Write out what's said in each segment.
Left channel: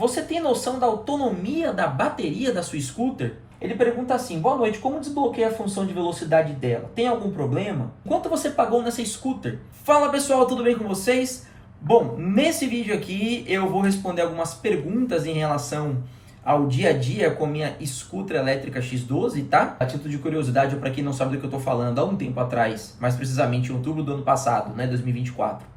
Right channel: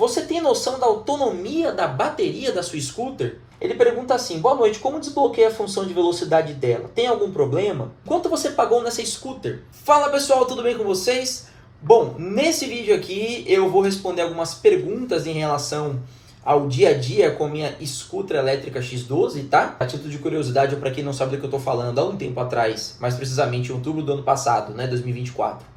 você tem noção da autonomia da bateria da sua scooter? Ele pergunta assim: boa noite, como desbloqueia a função de velocidade dela? Tem algum problema? Quanto você pagou nessa scooter? Fala pessoal, tudo bem com vocês? Bom, nesse vídeo aqui eu vou responder algumas perguntas em relação ao dia a dia com a minha scooter elétrica X12, tá? A título de curiosidade, ou para quem não sabe do que eu tô falando, há um tempo atrás, mais precisamente em outubro do ano passado, né, 2024,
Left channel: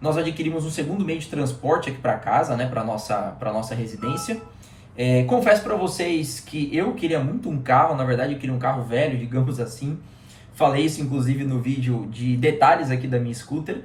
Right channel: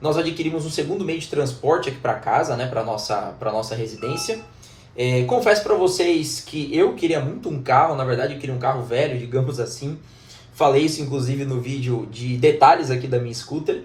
nós adquirimos um segundo meio de transporte aqui para casa, né, para nossa residência. Confesso para vocês que eu queria muito um carro, na verdade eu queria um carro velho, digamos assim. Falei isso inclusive no vídeo de detalhes aqui da minha scooter,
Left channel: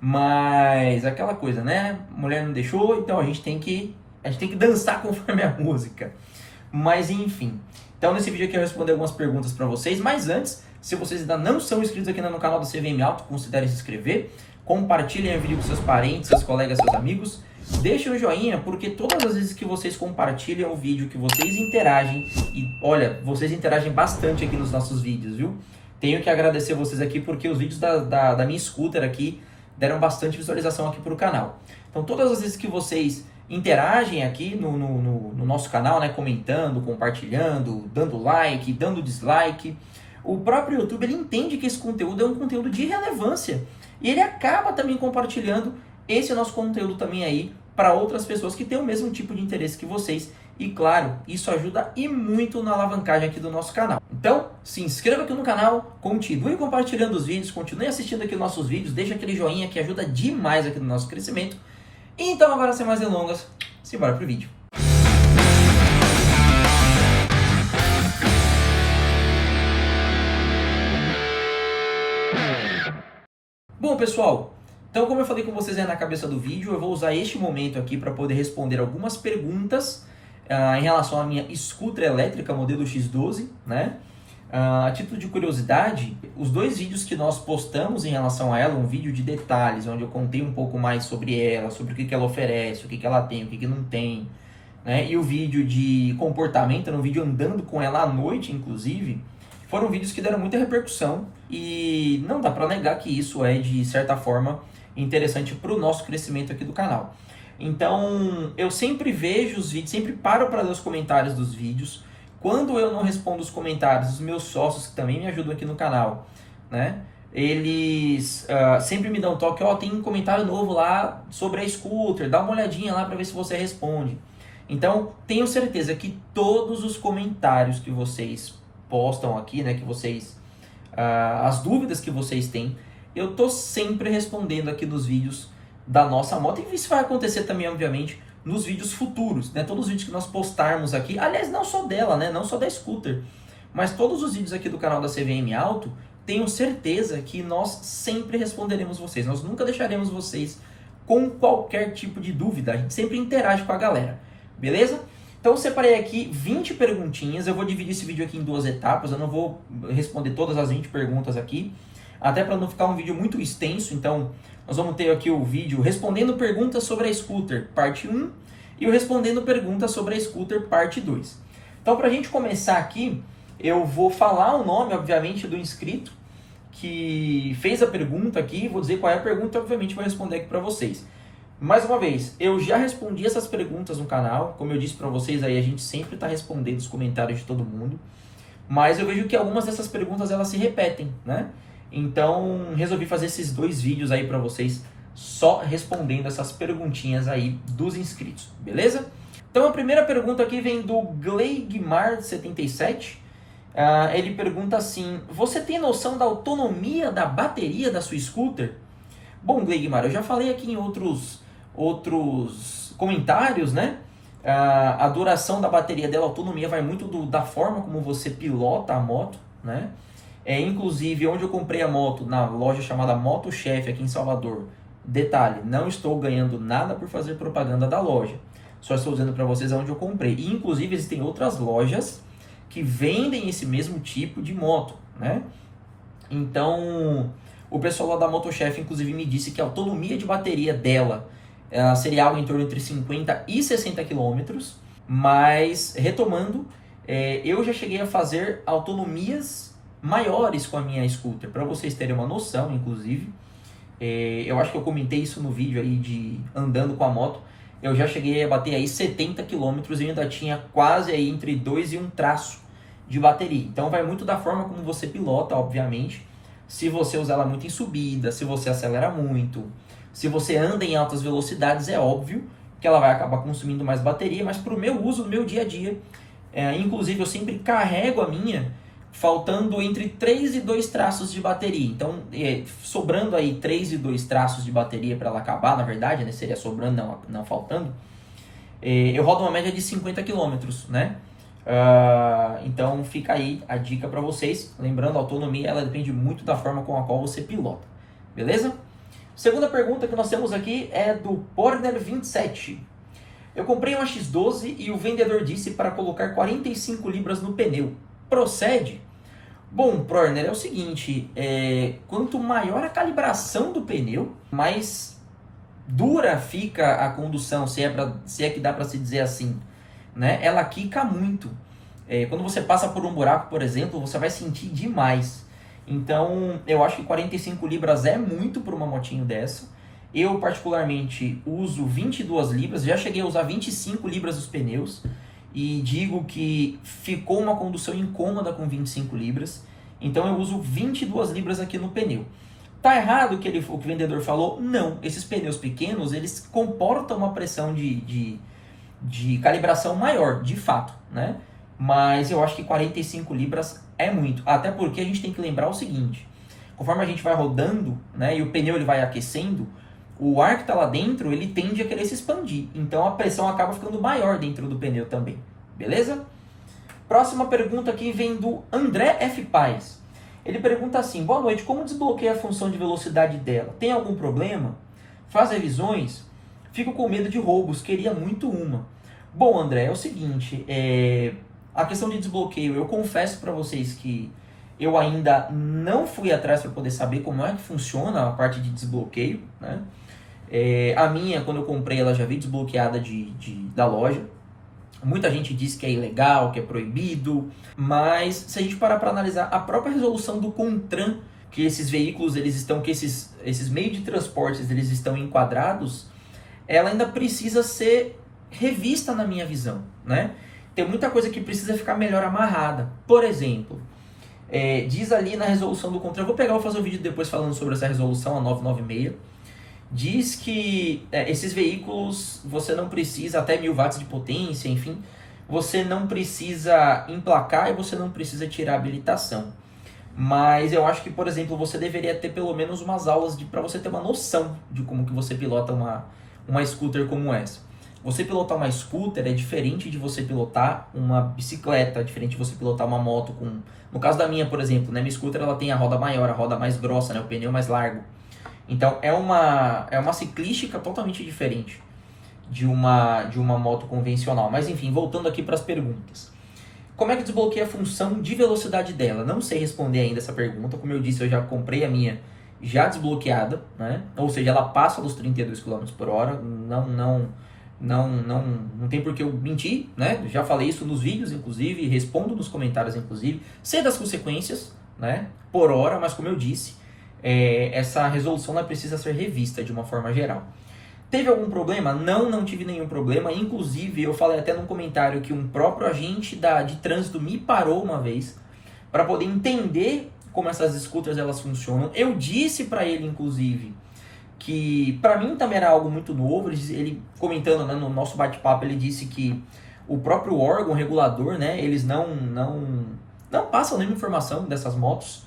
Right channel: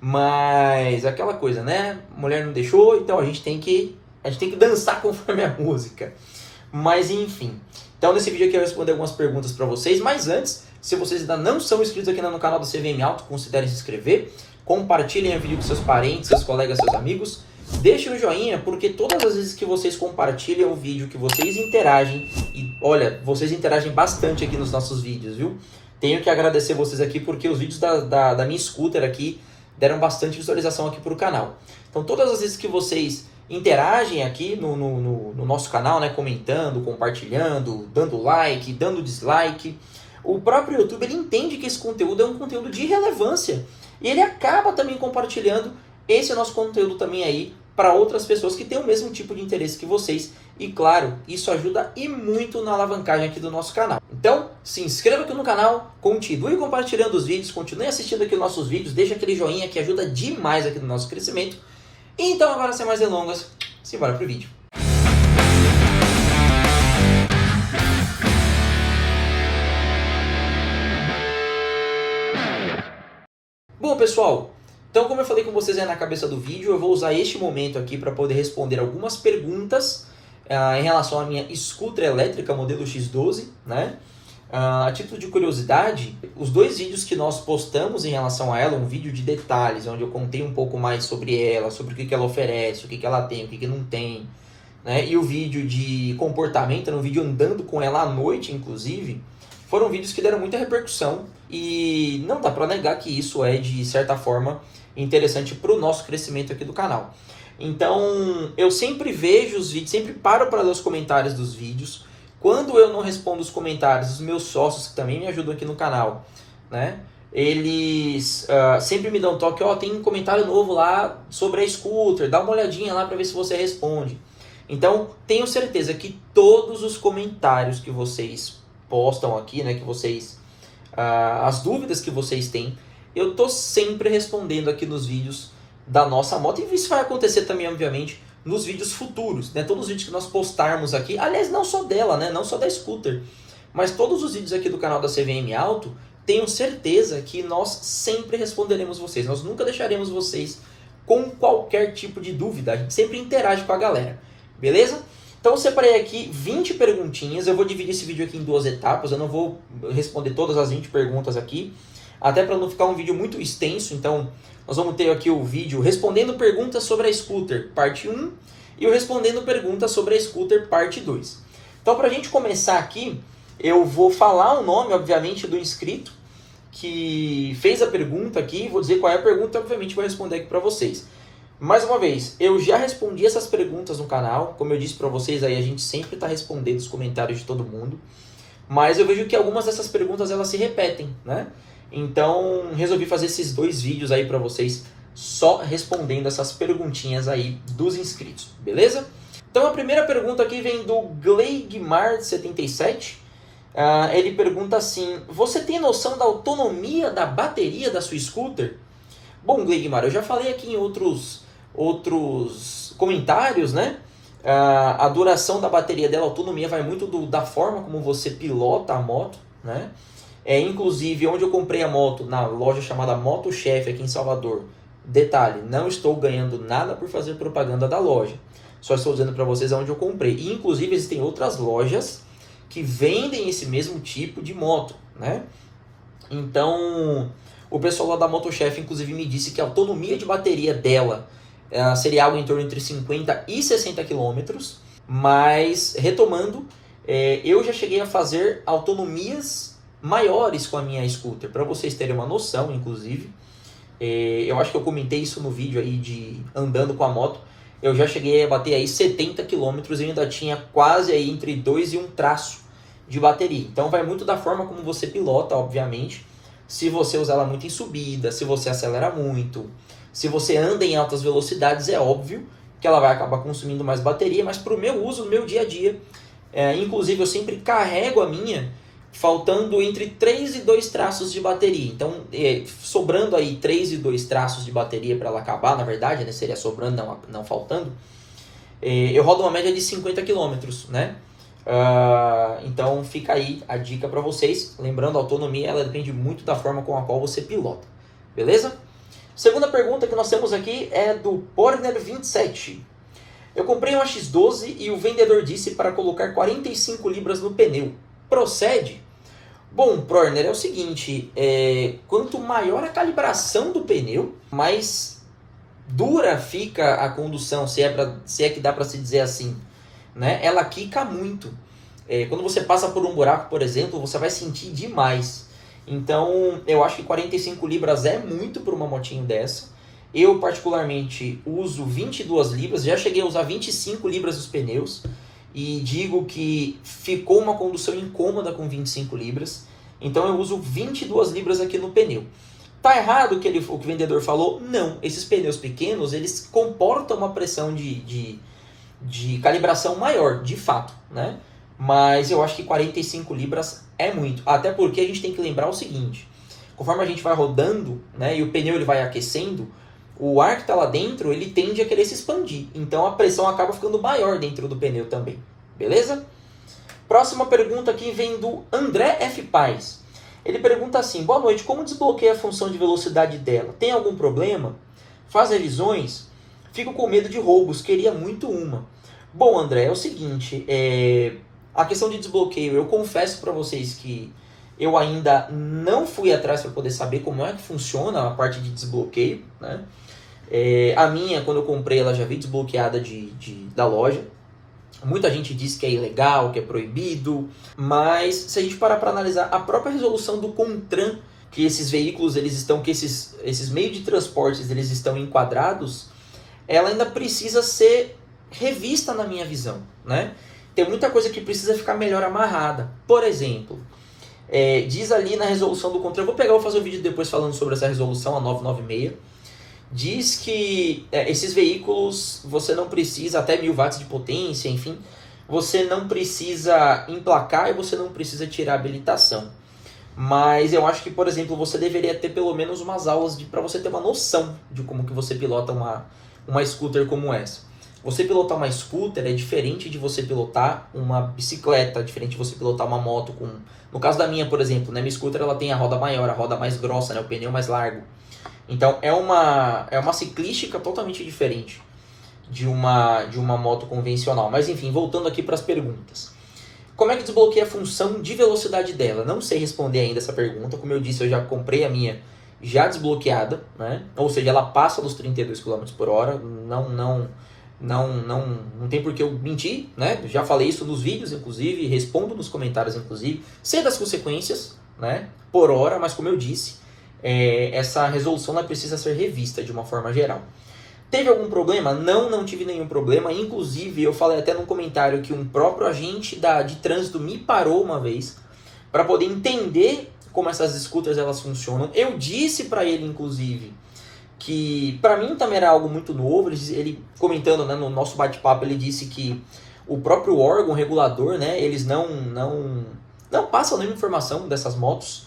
mas aquela coisa, né? A mulher não deixou, então a gente tem que dançar conforme a música. Mas enfim, então nesse vídeo aqui eu vou responder algumas perguntas para vocês, mas antes, se vocês ainda não são inscritos aqui no canal do CVM Auto, considerem se inscrever, compartilhem o vídeo com seus parentes, seus colegas, seus amigos. Deixem um joinha, porque todas as vezes que vocês compartilham o vídeo, que vocês interagem, e olha, vocês interagem bastante aqui nos nossos vídeos, viu? Tenho que agradecer vocês aqui, porque os vídeos da minha scooter aqui deram bastante visualização aqui para o canal. Então todas as vezes que vocês interagem aqui no nosso canal, né, comentando, compartilhando, dando like, dando dislike, o próprio YouTube ele entende que esse conteúdo é um conteúdo de relevância. E ele acaba também compartilhando esse nosso conteúdo também aí para outras pessoas que têm o mesmo tipo de interesse que vocês. E claro, isso ajuda e muito na alavancagem aqui do nosso canal. Então, se inscreva aqui no canal, continue compartilhando os vídeos, continue assistindo aqui os nossos vídeos, deixa aquele joinha que ajuda demais aqui no nosso crescimento. Então agora, sem mais delongas, simbora pro vídeo. Bom pessoal, então como eu falei com vocês aí na cabeça do vídeo, eu vou usar este momento aqui para poder responder algumas perguntas em relação à minha scooter elétrica modelo X12, né? A título de curiosidade, os dois vídeos que nós postamos em relação a ela, um vídeo de detalhes, onde eu contei um pouco mais sobre ela, sobre o que ela oferece, o que ela tem, o que não tem, né? E o vídeo de comportamento, um vídeo andando com ela à noite, inclusive, foram vídeos que deram muita repercussão e não dá para negar que isso é, de certa forma, interessante para o nosso crescimento aqui do canal. Então, eu sempre vejo os vídeos, sempre paro para ler os comentários dos vídeos. Quando eu não respondo os comentários, os meus sócios, que também me ajudam aqui no canal, né? Eles sempre me dão um toque, tem um comentário novo lá sobre a scooter, dá uma olhadinha lá para ver se você responde. Então, tenho certeza que todos os comentários que vocês postam aqui, né, que vocês, as dúvidas que vocês têm, eu tô sempre respondendo aqui nos vídeos da nossa moto, e isso vai acontecer também, obviamente, nos vídeos futuros, né, todos os vídeos que nós postarmos aqui, aliás, não só dela, né, não só da scooter, mas todos os vídeos aqui do canal da CVM Auto, tenho certeza que nós sempre responderemos vocês, nós nunca deixaremos vocês com qualquer tipo de dúvida, a gente sempre interage com a galera, beleza? Então eu separei aqui 20 perguntinhas, eu vou dividir esse vídeo aqui em duas etapas, eu não vou responder todas as 20 perguntas aqui, até para não ficar um vídeo muito extenso. Então nós vamos ter aqui o vídeo respondendo perguntas sobre a scooter, parte 1, e o respondendo perguntas sobre a scooter, parte 2. Então para a gente começar aqui, eu vou falar o nome, obviamente, do inscrito que fez a pergunta aqui, vou dizer qual é a pergunta e obviamente vou responder aqui para vocês. Mais uma vez, eu já respondi essas perguntas no canal, como eu disse para vocês aí, a gente sempre está respondendo os comentários de todo mundo, mas eu vejo que algumas dessas perguntas elas se repetem, né? Então, resolvi fazer esses dois vídeos aí para vocês, só respondendo essas perguntinhas aí dos inscritos, beleza? Então a primeira pergunta aqui vem do Gleigmar77, ele pergunta assim: você tem noção da autonomia da bateria da sua scooter? Bom, Gleigmar, eu já falei aqui em outros comentários, né? A duração da bateria dela, a autonomia, vai muito da forma como você pilota a moto, né? Inclusive, onde eu comprei a moto, na loja chamada Moto Chef aqui em Salvador. Detalhe, não estou ganhando nada por fazer propaganda da loja. Só estou dizendo para vocês onde eu comprei. E, inclusive, existem outras lojas que vendem esse mesmo tipo de moto, né? Então, o pessoal lá da Moto Chef, inclusive, me disse que a autonomia de bateria dela seria algo em torno entre 50 e 60 km, mas, retomando, eu já cheguei a fazer autonomias maiores com a minha scooter, para vocês terem uma noção, inclusive, eu acho que eu comentei isso no vídeo aí de andando com a moto, eu já cheguei a bater aí 70 km e ainda tinha quase aí entre 2 e 1 traço de bateria. Então vai muito da forma como você pilota, obviamente. Se você usar ela muito em subida, se você acelera muito, se você anda em altas velocidades, é óbvio que ela vai acabar consumindo mais bateria, mas para o meu uso, no meu dia a dia, inclusive eu sempre carrego a minha faltando entre 3 e 2 traços de bateria. Então, sobrando aí 3 e 2 traços de bateria para ela acabar, na verdade, né? Seria sobrando, não faltando. Eu rodo uma média de 50 km, né? Então fica aí a dica para vocês. Lembrando, a autonomia ela depende muito da forma com a qual você pilota. Beleza? Segunda pergunta que nós temos aqui é do Porner27. Eu comprei uma X12 e o vendedor disse para colocar 45 libras no pneu. Procede? Bom, Porner, é o seguinte, quanto maior a calibração do pneu, mais dura fica a condução, se é que dá para se dizer assim, né? Ela quica muito. Quando você passa por um buraco, por exemplo, você vai sentir demais. Então, eu acho que 45 libras é muito para uma motinho dessa. Eu, particularmente, uso 22 libras, já cheguei a usar 25 libras dos pneus. E digo que ficou uma condução incômoda com 25 libras. Então eu uso 22 libras aqui no pneu. Tá errado o que o vendedor falou? Não. Esses pneus pequenos, eles comportam uma pressão de calibração maior, de fato, né? Mas eu acho que 45 libras é muito. Até porque a gente tem que lembrar o seguinte. Conforme a gente vai rodando, né, e o pneu ele vai aquecendo, o ar que está lá dentro, ele tende a querer se expandir. Então a pressão acaba ficando maior dentro do pneu também. Beleza? Próxima pergunta aqui vem do André F. Paz. Ele pergunta assim: boa noite, como desbloqueia a função de velocidade dela? Tem algum problema? Faz revisões? Fico com medo de roubos, queria muito uma. Bom, André, é o seguinte, a questão de desbloqueio, eu confesso para vocês que eu ainda não fui atrás para poder saber como é que funciona a parte de desbloqueio, né? A minha, quando eu comprei, ela já veio desbloqueada da loja. Muita gente diz que é ilegal, que é proibido, mas se a gente parar para analisar a própria resolução do CONTRAN, que esses veículos, que esses meios de transportes, eles estão enquadrados, ela ainda precisa ser revista na minha visão, né? Tem muita coisa que precisa ficar melhor amarrada. Por exemplo, diz ali na resolução do CONTRAN, vou fazer um vídeo depois falando sobre essa resolução, a 996, diz que esses veículos, você não precisa, até 1000 watts de potência, enfim, você não precisa emplacar e você não precisa tirar a habilitação. Mas eu acho que, por exemplo, você deveria ter pelo menos umas aulas para você ter uma noção de como que você pilota uma scooter como essa. Você pilotar uma scooter é diferente de você pilotar uma bicicleta, diferente de você pilotar uma moto. No caso da minha, por exemplo, né, minha scooter ela tem a roda maior, a roda mais grossa, né, o pneu mais largo. Então é uma ciclística totalmente diferente de uma moto convencional. Mas enfim, voltando aqui para as perguntas. Como é que desbloqueia a função de velocidade dela? Não sei responder ainda essa pergunta. Como eu disse, eu já comprei a minha já desbloqueada, né? Ou seja, ela passa dos 32 km por hora. Não tem por que eu mentir, né? Já falei isso nos vídeos, inclusive, respondo nos comentários, inclusive. Sei das consequências, né? Por hora, mas como eu disse, essa resolução ela precisa ser revista de uma forma geral. Teve algum problema? Não tive nenhum problema. Inclusive, eu falei até num comentário que um próprio agente de trânsito me parou uma vez para poder entender como essas scooters elas funcionam. Eu disse para ele, inclusive, que para mim também era algo muito novo. Ele comentando, né, no nosso bate-papo, ele disse que o próprio órgão regulador, né, eles não passam nenhuma informação dessas motos.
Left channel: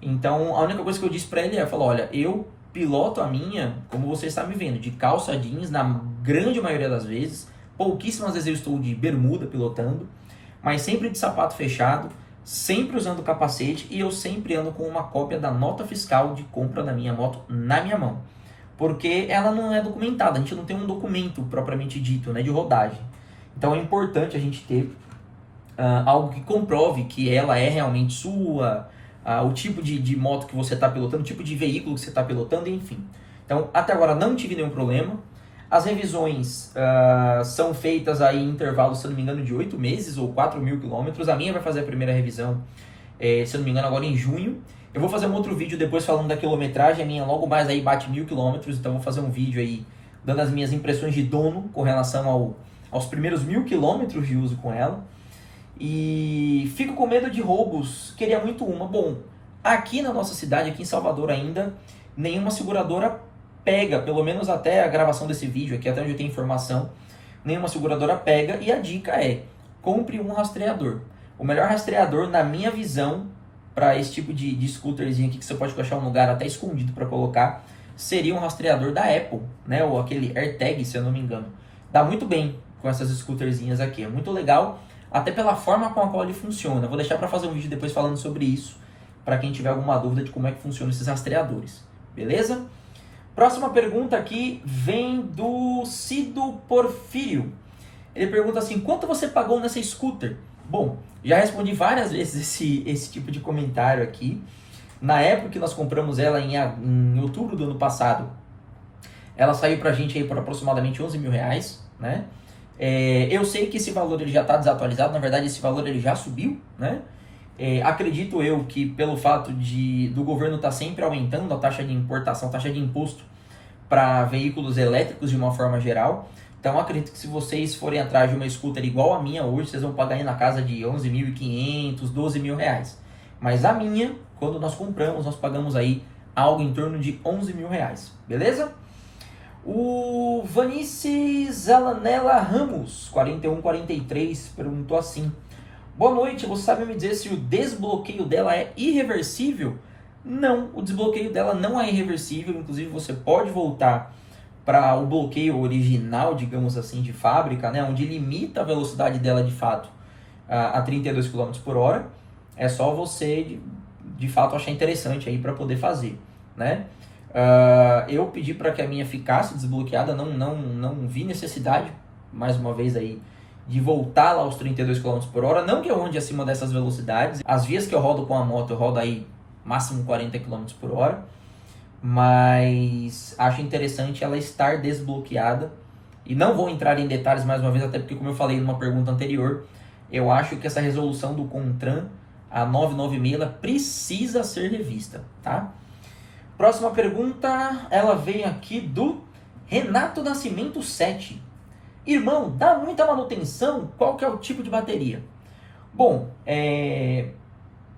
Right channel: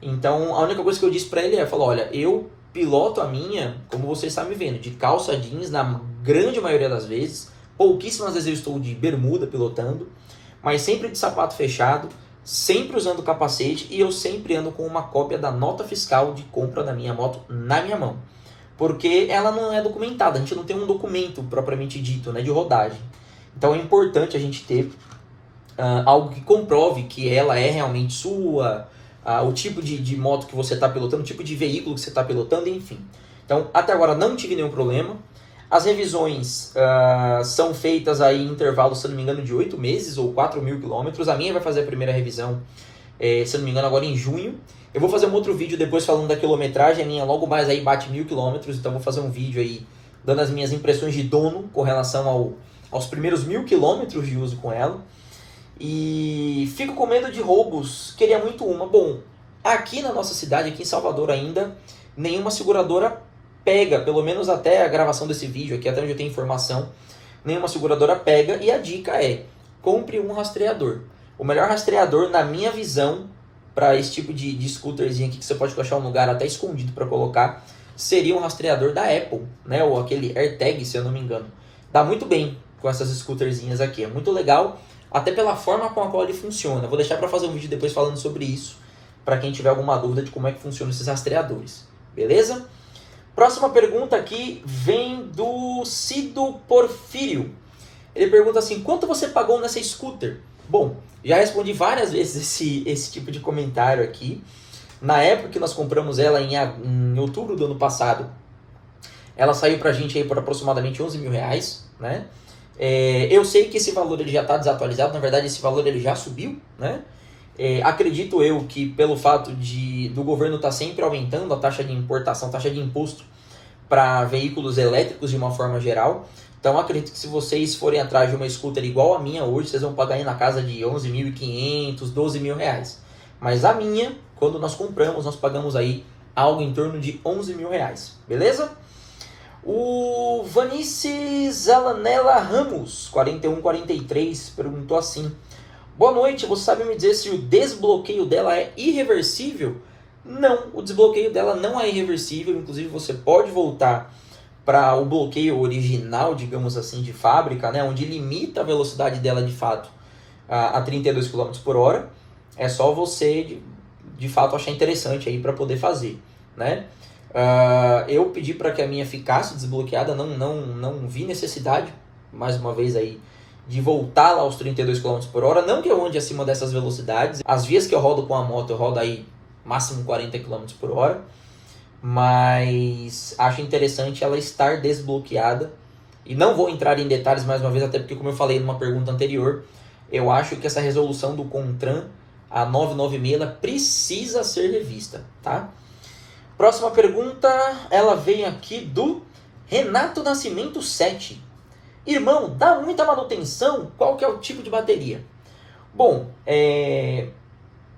Então, a única coisa que eu disse para ele falou, olha, eu piloto a minha, como você está me vendo, de calça jeans na grande maioria das vezes. Pouquíssimas vezes eu estou de bermuda pilotando, mas sempre de sapato fechado, sempre usando capacete e eu sempre ando com uma cópia da nota fiscal de compra da minha moto na minha mão. Porque ela não é documentada, a gente não tem um documento propriamente dito, né, de rodagem. Então é importante a gente ter algo que comprove que ela é realmente sua, o tipo de moto que você está pilotando, o tipo de veículo que você está pilotando, enfim. Então, até agora não tive nenhum problema. As revisões são feitas aí em intervalos, se não me engano, de 8 meses ou 4.000 quilômetros. A minha vai fazer a primeira revisão, se não me engano, agora em junho. Eu vou fazer um outro vídeo depois falando da quilometragem. A minha logo mais aí bate 1.000 quilômetros, então vou fazer um vídeo aí dando as minhas impressões de dono com relação aos primeiros 1000 quilômetros de uso com ela. E fico com medo de roubos, queria muito uma. Bom, aqui na nossa cidade, aqui em Salvador ainda, nenhuma seguradora pega, pelo menos até a gravação desse vídeo aqui, até onde eu tenho informação, nenhuma seguradora pega, e a dica é, compre um rastreador. O melhor rastreador, na minha visão, para esse tipo de scooterzinho aqui, que você pode achar um lugar até escondido para colocar, seria um rastreador da Apple, né? Ou aquele AirTag, se eu não me engano. Dá muito bem com essas scooterzinhas aqui, é muito legal, até pela forma com a qual ele funciona. Vou deixar para fazer um vídeo depois falando sobre isso, para quem tiver alguma dúvida de como é que funcionam esses rastreadores. Beleza? Próxima pergunta aqui vem do Cido Porfírio. Ele pergunta assim, quanto você pagou nessa scooter? Bom, já respondi várias vezes esse tipo de comentário aqui. Na época que nós compramos ela em outubro do ano passado, ela saiu pra gente aí por aproximadamente 11 mil reais, né? Eu sei que esse valor ele já está desatualizado, na verdade esse valor ele já subiu, né? Acredito eu que pelo fato do governo estar sempre aumentando a taxa de importação, taxa de imposto para veículos elétricos de uma forma geral, então acredito que se vocês forem atrás de uma scooter igual a minha hoje, vocês vão pagar aí na casa de 11.500, 12 mil reais. Mas a minha, quando nós compramos, nós pagamos aí algo em torno de 11 mil reais, beleza? O Vanice Zalanella Ramos, 4143, perguntou assim, boa noite, você sabe me dizer se o desbloqueio dela é irreversível? Não, o desbloqueio dela não é irreversível, inclusive você pode voltar para o bloqueio original, digamos assim, de fábrica, né, onde limita a velocidade dela de fato a 32 km por hora. É só você de fato achar interessante aí para poder fazer, né? Eu pedi para que a minha ficasse desbloqueada, não vi necessidade, mais uma vez aí, de voltar lá aos 32 km por hora, não que eu ande acima dessas velocidades. As vias que eu rodo com a moto, eu rodo aí máximo 40 km por hora, mas acho interessante ela estar desbloqueada, e não vou entrar em detalhes mais uma vez, até porque como eu falei numa pergunta anterior, eu acho que essa resolução do CONTRAN, a 996, ela precisa ser revista, tá? Próxima pergunta, ela vem aqui do Renato Nascimento 7. Irmão, dá muita manutenção? Qual que é o tipo de bateria? Bom,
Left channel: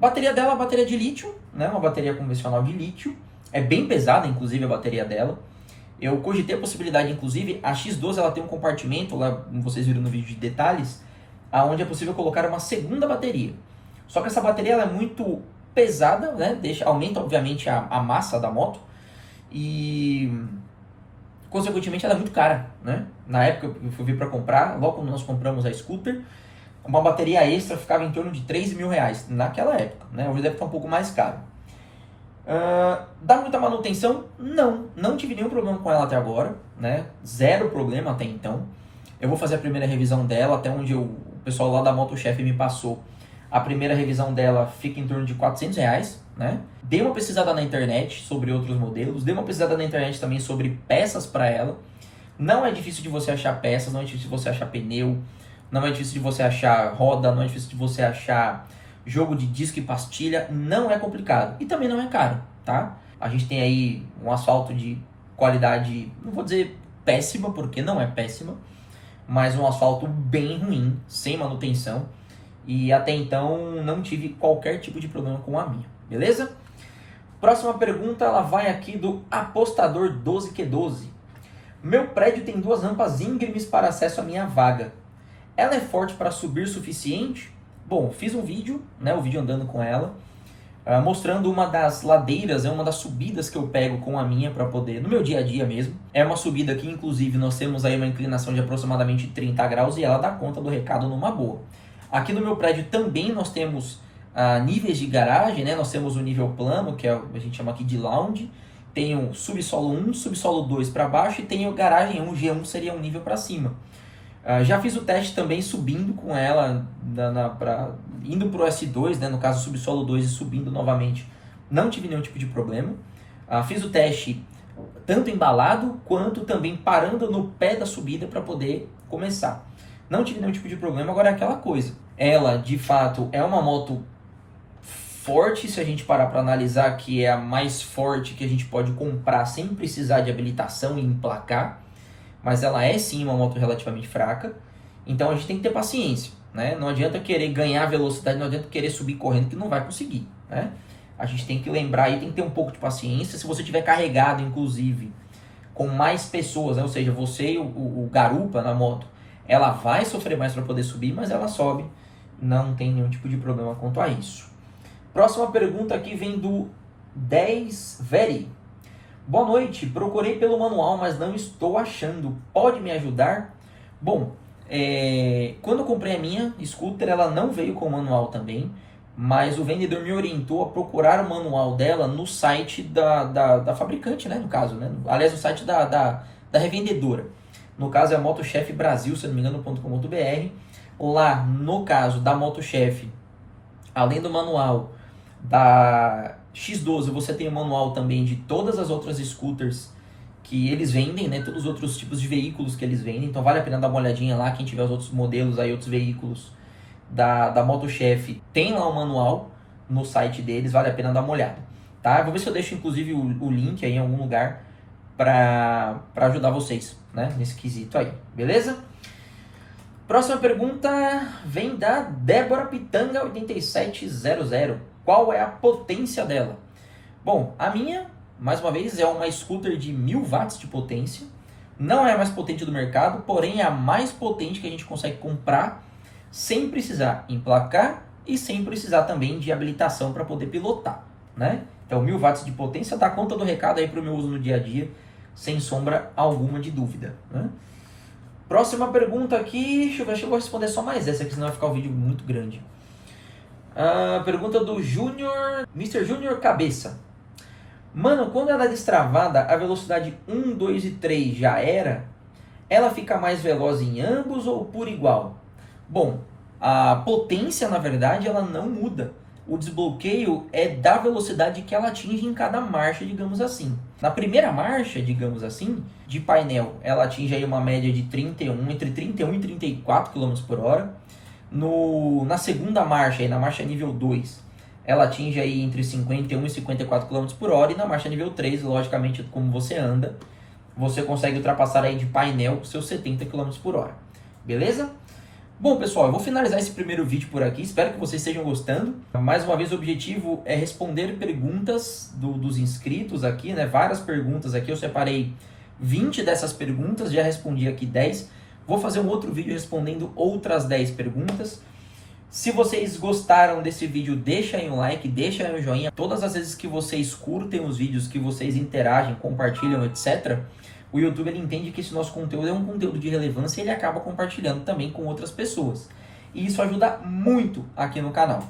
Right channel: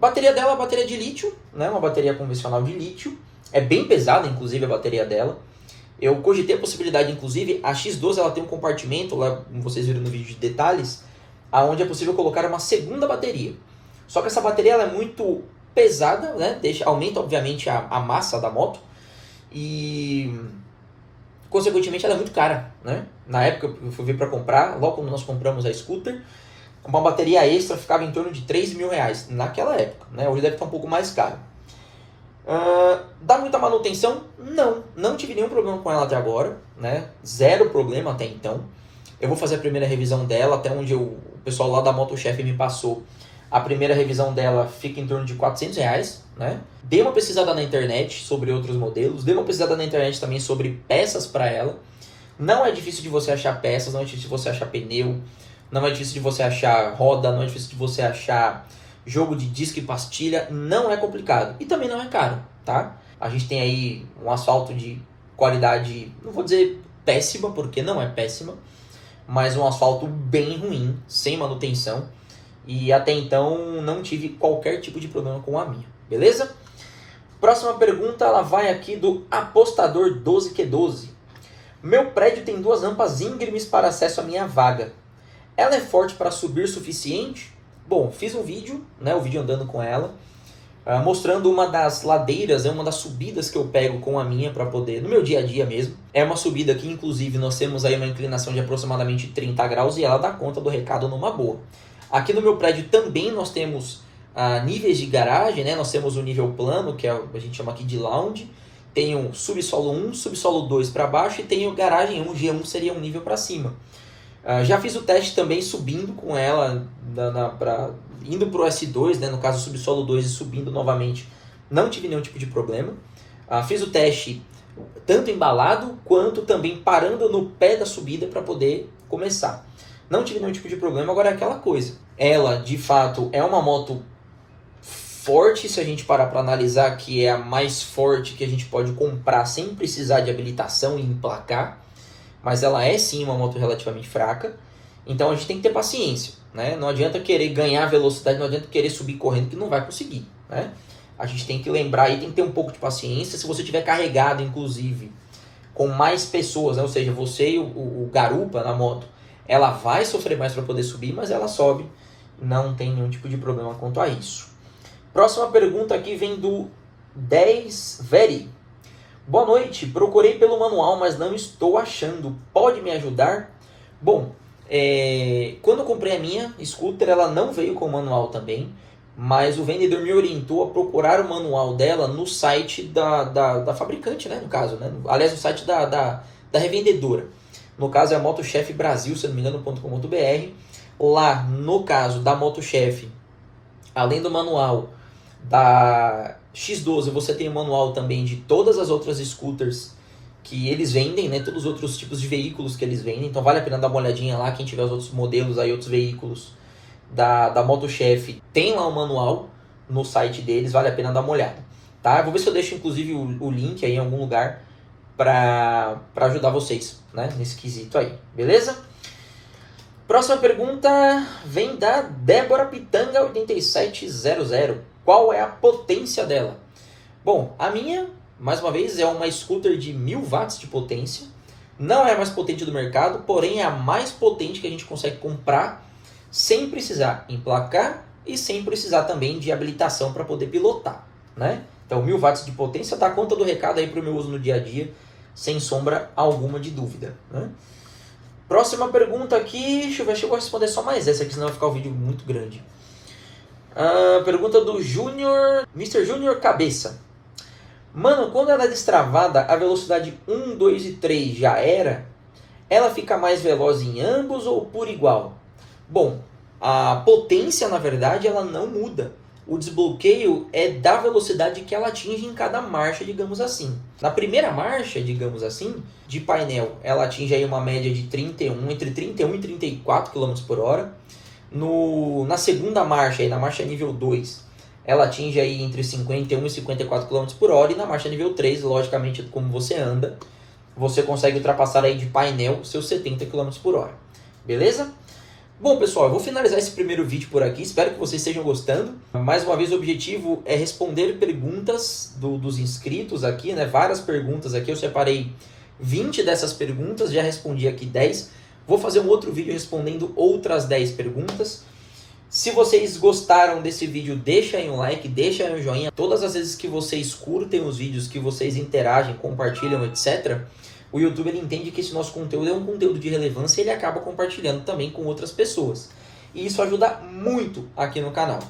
bateria dela é uma bateria de lítio, né? Uma bateria convencional de lítio. É bem pesada, inclusive, a bateria dela. Eu cogitei a possibilidade, inclusive, a X12 ela tem um compartimento, lá, como vocês viram no vídeo de detalhes, onde é possível colocar uma segunda bateria. Só que essa bateria ela é muito pesada, né? Aumenta, obviamente, a massa da moto e, consequentemente, ela é muito cara, né? Na época eu fui ver para comprar, logo quando nós compramos a scooter, uma bateria extra ficava em torno de 3 mil reais naquela época, né? Hoje deve estar um pouco mais caro. Dá muita manutenção? Não tive nenhum problema com ela até agora, né? Zero problema até então. Eu vou fazer a primeira revisão dela, até onde o pessoal lá da MotoChef me passou. A primeira revisão dela fica em torno de 400 reais, né? Dei uma pesquisada na internet sobre outros modelos, dei uma pesquisada na internet também sobre peças para ela. Não é difícil de você achar peças, não é difícil de você achar pneu, não é difícil de você achar roda, não é difícil de você achar jogo de disco e pastilha, não é complicado. E também não é caro, tá? A gente tem aí um asfalto de qualidade, não vou dizer péssima, porque não é péssima, mas um asfalto bem ruim, sem manutenção. E até então não tive qualquer tipo de problema com a minha, beleza? Próxima pergunta, ela vai aqui do Apostador 12Q12. Meu prédio tem 2 rampas íngremes para acesso à minha vaga. Ela é forte para subir o suficiente? Bom, fiz um vídeo, né, o vídeo andando com ela, mostrando uma das ladeiras, uma das subidas que eu pego com a minha para poder, no meu dia a dia mesmo. É uma subida que, inclusive, nós temos aí uma inclinação de aproximadamente 30 graus e ela dá conta do recado numa boa. Aqui no meu prédio também nós temos níveis de garagem, né? Nós temos o nível plano, que a gente chama aqui de lounge. Tem o subsolo 1, subsolo 2 para baixo e tem o garagem 1, G1 seria um nível para cima. Já fiz o teste também subindo com ela, indo para o S2, né? No caso subsolo 2 e subindo novamente. Não tive nenhum tipo de problema. Fiz o teste tanto embalado quanto também parando no pé da subida para poder começar. Não tive nenhum tipo de problema. Agora é aquela coisa, ela de fato é uma moto forte, se a gente parar para analisar, que é a mais forte que a gente pode comprar sem precisar de habilitação e emplacar. mas ela é sim uma moto relativamente fraca. Então a gente tem que ter paciência, né? Não adianta querer ganhar velocidade, não adianta querer subir correndo que não vai conseguir, né? A gente tem que lembrar e tem que ter um pouco de paciência. Se você tiver carregado, inclusive, com mais pessoas, né? Ou seja, você e o garupa na moto, ela vai sofrer mais para poder subir, mas ela sobe, não tem nenhum tipo de problema quanto a isso. Próxima pergunta aqui vem do 10 Veri. Boa noite, procurei pelo manual, mas não estou achando. Pode me ajudar? Bom, quando eu comprei a minha scooter, ela não veio com manual também, mas o vendedor me orientou a procurar o manual dela no site da fabricante, né, no caso, né? Aliás, no site da revendedora. No caso é a Motochef Brasil, se não me engano, .com.br. Lá, no caso da Motochef, além do manual da X12, você tem o manual também de todas as outras scooters que eles vendem, né? Todos os outros tipos de veículos que eles vendem. Então vale a pena dar uma olhadinha lá, quem tiver os outros modelos aí, outros veículos da Motochef, tem lá o manual no site deles, vale a pena dar uma olhada, tá? Vou ver se eu deixo inclusive o link aí em algum lugar para ajudar vocês, né? Nesse quesito aí, beleza? Próxima pergunta vem da Débora Pitanga 8700. Qual é a potência dela? Bom, a minha, mais uma vez, é uma scooter de 1000 watts de potência. Não é a mais potente do mercado, porém é a mais potente que a gente consegue comprar sem precisar emplacar e sem precisar também de habilitação para poder pilotar, né? Então 1000 watts de potência dá conta do recado aí para o meu uso no dia a dia, sem sombra alguma de dúvida, né? Próxima pergunta aqui, deixa eu ver se eu vou responder só mais essa aqui, senão vai ficar o vídeo muito grande. Pergunta do Júnior, Mr. Júnior Cabeça. Mano, quando ela é destravada, a velocidade 1, 2 e 3 já era? Ela fica mais veloz em ambos ou por igual? Bom, a potência, na verdade, ela não muda. O desbloqueio é da velocidade que ela atinge em cada marcha, digamos assim. Na primeira marcha, digamos assim, de painel, ela atinge aí uma média de entre 31 e 34 km por hora. Na segunda marcha, aí, na marcha nível 2, ela atinge aí entre 51 e 54 km por hora. E na marcha nível 3, logicamente, como você anda, você consegue ultrapassar aí de painel seus 70 km por hora. Beleza? Bom, pessoal, eu vou finalizar esse primeiro vídeo por aqui. Espero que vocês estejam gostando. Mais uma vez, o objetivo é responder perguntas dos inscritos aqui, né? Várias perguntas aqui. Eu separei 20 dessas perguntas, já respondi aqui 10. Vou fazer um outro vídeo respondendo outras 10 perguntas. Se vocês gostaram desse vídeo, deixa aí um like, deixa aí um joinha. Todas as vezes que vocês curtem os vídeos, que vocês interagem, compartilham, etc., o YouTube ele entende que esse nosso conteúdo é um conteúdo de relevância e ele acaba compartilhando também com outras pessoas. E isso ajuda muito aqui no canal.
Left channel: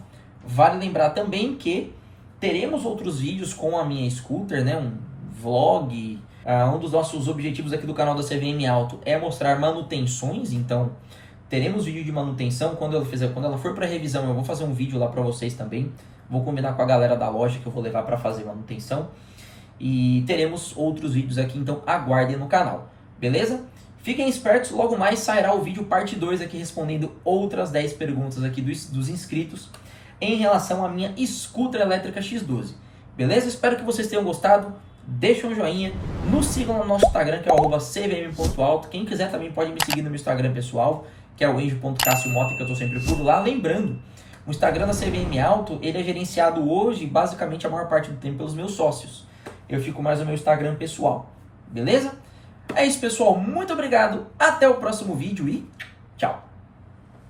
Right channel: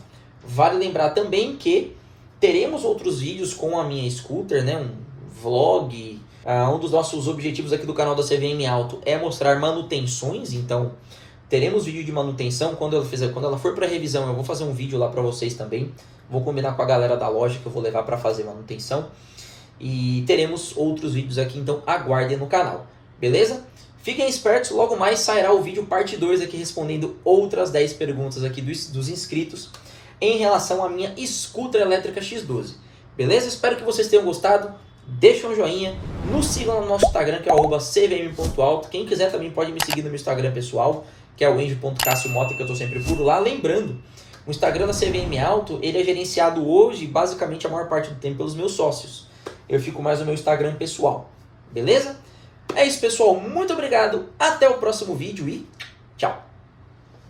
Vale lembrar também que teremos outros vídeos com a minha scooter, né? Um vlog. Um dos nossos objetivos aqui do canal da CVM Auto é mostrar manutenções, então teremos vídeo de manutenção. Quando ela for para revisão, eu vou fazer um vídeo lá para vocês também. Vou combinar com a galera da loja que eu vou levar para fazer manutenção. E teremos outros vídeos aqui, então aguardem no canal, beleza? Fiquem espertos, logo mais sairá o vídeo parte 2 aqui respondendo outras 10 perguntas aqui dos inscritos em relação à minha scooter elétrica X12, beleza? Espero que vocês tenham gostado, deixem um joinha, nos sigam no nosso Instagram que é @cvm.auto, quem quiser também pode me seguir no meu Instagram pessoal, que é o enjo.cassiomota, que eu estou sempre por lá. Lembrando, o Instagram da CVM Auto, ele é gerenciado hoje, basicamente a maior parte do tempo, pelos meus sócios. Eu fico mais no meu Instagram pessoal, beleza? É isso, pessoal. Muito obrigado. Até o próximo vídeo e tchau.